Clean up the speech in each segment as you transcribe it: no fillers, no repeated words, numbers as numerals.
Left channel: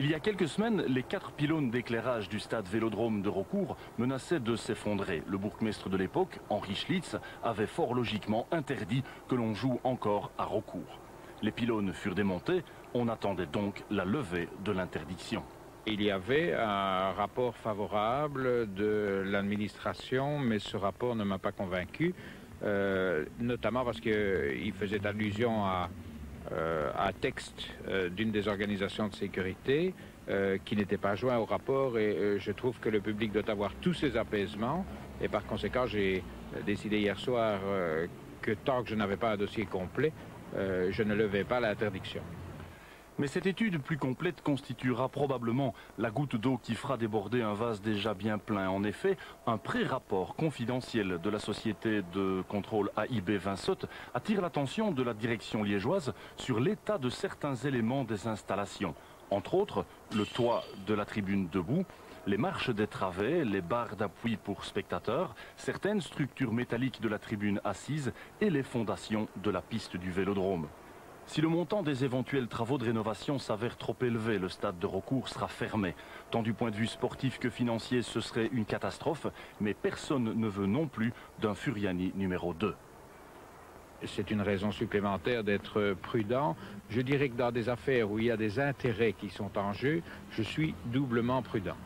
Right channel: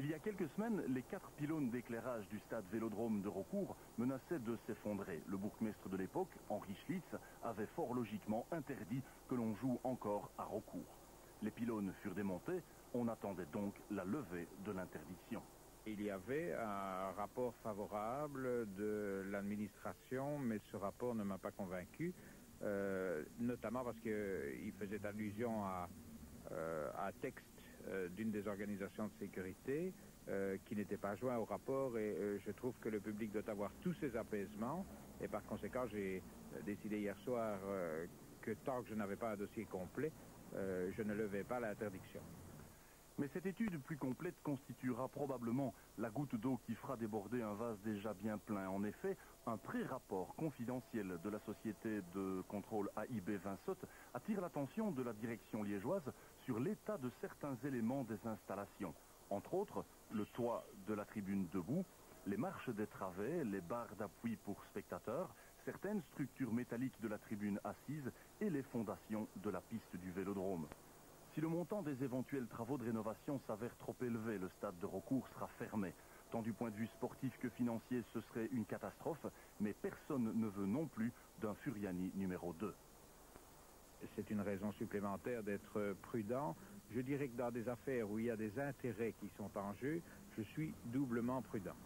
Il y a quelques semaines, les 4 pylônes d'éclairage du stade Vélodrome de Raucourt menaçaient de s'effondrer. Le bourgmestre de l'époque, Henri Schlitz, avait fort logiquement interdit que l'on joue encore à Raucourt. Les pylônes furent démontés, on attendait donc la levée de l'interdiction. Il y avait un rapport favorable de l'administration, mais ce rapport ne m'a pas convaincu, notamment parce qu'il faisait allusion à un texte d'une des organisations de sécurité qui n'était pas joint au rapport, et je trouve que le public doit avoir tous ses apaisements, et par conséquent j'ai décidé hier soir que tant que je n'avais pas un dossier complet, je ne levais pas l'interdiction. Mais cette étude plus complète constituera probablement la goutte d'eau qui fera déborder un vase déjà bien plein. En effet, un pré-rapport confidentiel de la société de contrôle AIB Vinsotte attire l'attention de la direction liégeoise sur l'état de certains éléments des installations. Entre autres, le toit de la tribune debout, les marches des travées, les barres d'appui pour spectateurs, certaines structures métalliques de la tribune assise et les fondations de la piste du Vélodrome. Si le montant des éventuels travaux de rénovation s'avère trop élevé, le stade de Raucourt sera fermé. Tant du point de vue sportif que financier, ce serait une catastrophe, mais personne ne veut non plus d'un Furiani numéro 2. C'est une raison supplémentaire d'être prudent. Je dirais que dans des affaires où il y a des intérêts qui sont en jeu, je suis doublement prudent.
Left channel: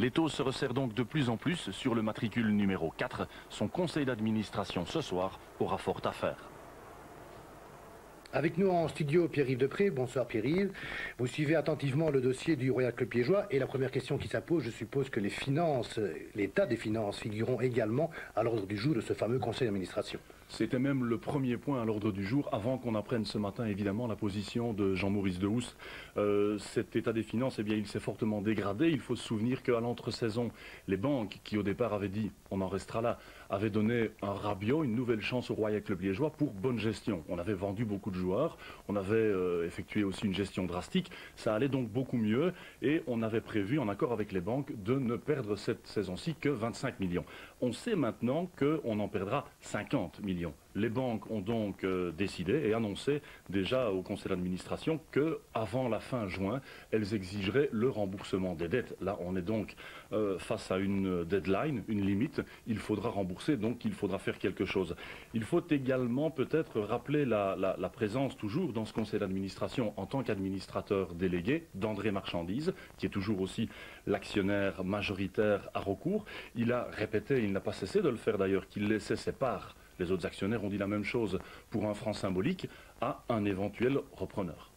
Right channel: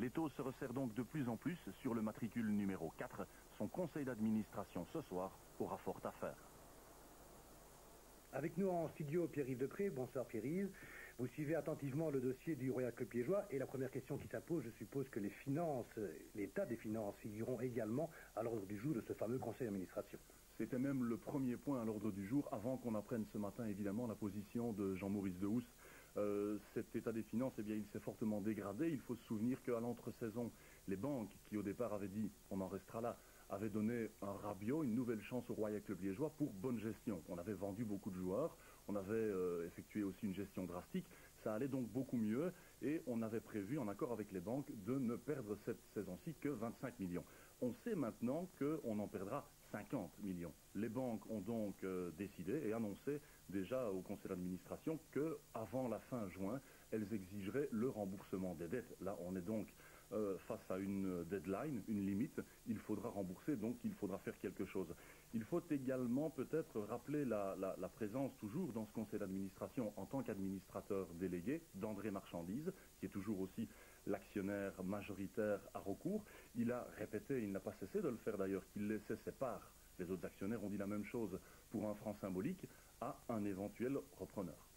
L'étau se resserre donc de plus en plus sur le matricule numéro 4. Son conseil d'administration ce soir aura fort à faire. Avec nous en studio, Pierre-Yves Depré. Bonsoir Pierre-Yves. Vous suivez attentivement le dossier du Royal Club liégeois et la première question qui s'impose, je suppose que les finances, l'état des finances figureront également à l'ordre du jour de ce fameux conseil d'administration. C'était même le premier point à l'ordre du jour, avant qu'on apprenne ce matin évidemment la position de Jean-Maurice Dehousse. Cet état des finances, eh bien, il s'est fortement dégradé. Il faut se souvenir qu'à l'entre-saison, les banques qui au départ avaient dit on en restera là, avaient donné un rabio, une nouvelle chance au Royal Club liégeois pour bonne gestion. On avait vendu beaucoup de joueurs, on avait effectué aussi une gestion drastique, ça allait donc beaucoup mieux et on avait prévu, en accord avec les banques, de ne perdre cette saison-ci que 25 millions. On sait maintenant qu'on en perdra 50 millions. Les banques ont donc décidé et annoncé déjà au conseil d'administration qu'avant la fin juin, elles exigeraient le remboursement des dettes. Là, on est donc face à une deadline, une limite. Il faudra rembourser, donc il faudra faire quelque chose. Il faut également peut-être rappeler la présence toujours dans ce conseil d'administration en tant qu'administrateur délégué d'André Marchandise, qui est toujours aussi l'actionnaire majoritaire à Raucourt. Il a répété, il n'a pas cessé de le faire d'ailleurs, qu'il laissait ses parts. Les autres actionnaires ont dit la même chose pour un franc symbolique à un éventuel repreneur.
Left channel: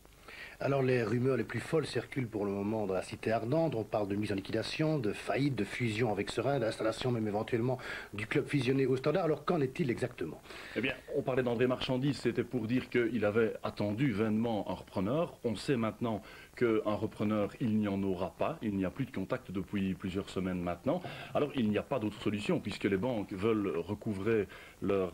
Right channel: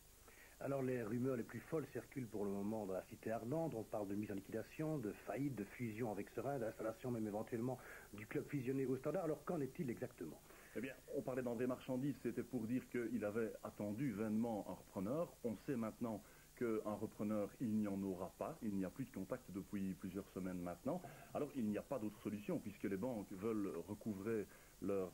Alors les rumeurs les plus folles circulent pour le moment dans la cité ardente. On parle de mise en liquidation, de faillite, de fusion avec Serein, d'installation même éventuellement du club fusionné au Standard. Alors qu'en est-il exactement? Eh bien, on parlait d'André Marchandise, c'était pour dire qu'il avait attendu vainement un repreneur. On sait maintenant qu'un repreneur, il n'y en aura pas. Il n'y a plus de contact depuis plusieurs semaines maintenant. Alors, il n'y a pas d'autre solution, puisque les banques veulent recouvrer leur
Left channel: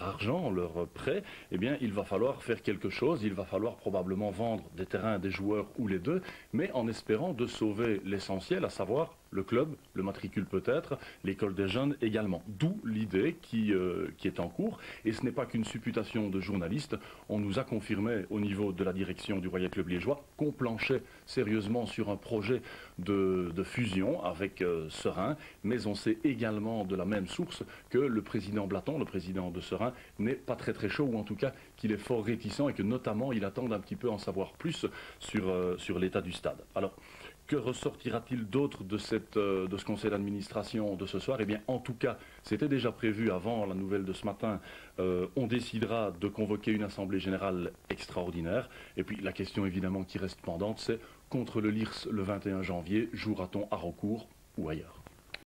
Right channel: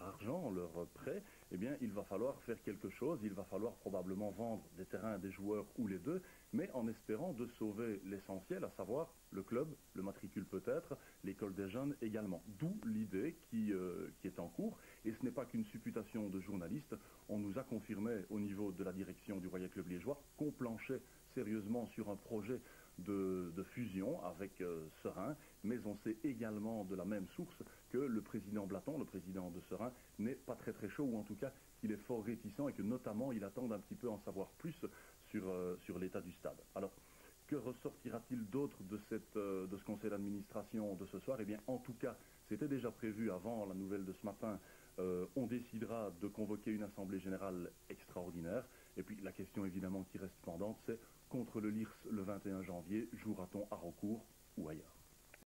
argent, leur prêt. Eh bien, il va falloir faire quelque chose. Il va falloir probablement vendre des terrains, des joueurs ou les deux, mais en espérant de sauver l'essentiel, à savoir le club, le matricule peut-être, l'école des jeunes également. D'où l'idée qui est en cours. Et ce n'est pas qu'une supputation de journalistes. On nous a confirmé au niveau de la direction du Royal Club liégeois qu'on planchait sérieusement sur un projet de fusion avec Serein, mais on sait également de la même source que le président Blaton, le président de Serein, n'est pas très chaud, ou en tout cas qu'il est fort réticent et que notamment il attend un petit peu en savoir plus sur l'état du stade. Alors, que ressortira-t-il d'autre de ce conseil d'administration de ce soir? Eh bien, en tout cas, c'était déjà prévu avant la nouvelle de ce matin. On décidera de convoquer une assemblée générale extraordinaire. Et puis, la question évidemment qui reste pendante, c'est contre le LIRS le 21 janvier, jouera-t-on à Raucourt ou ailleurs?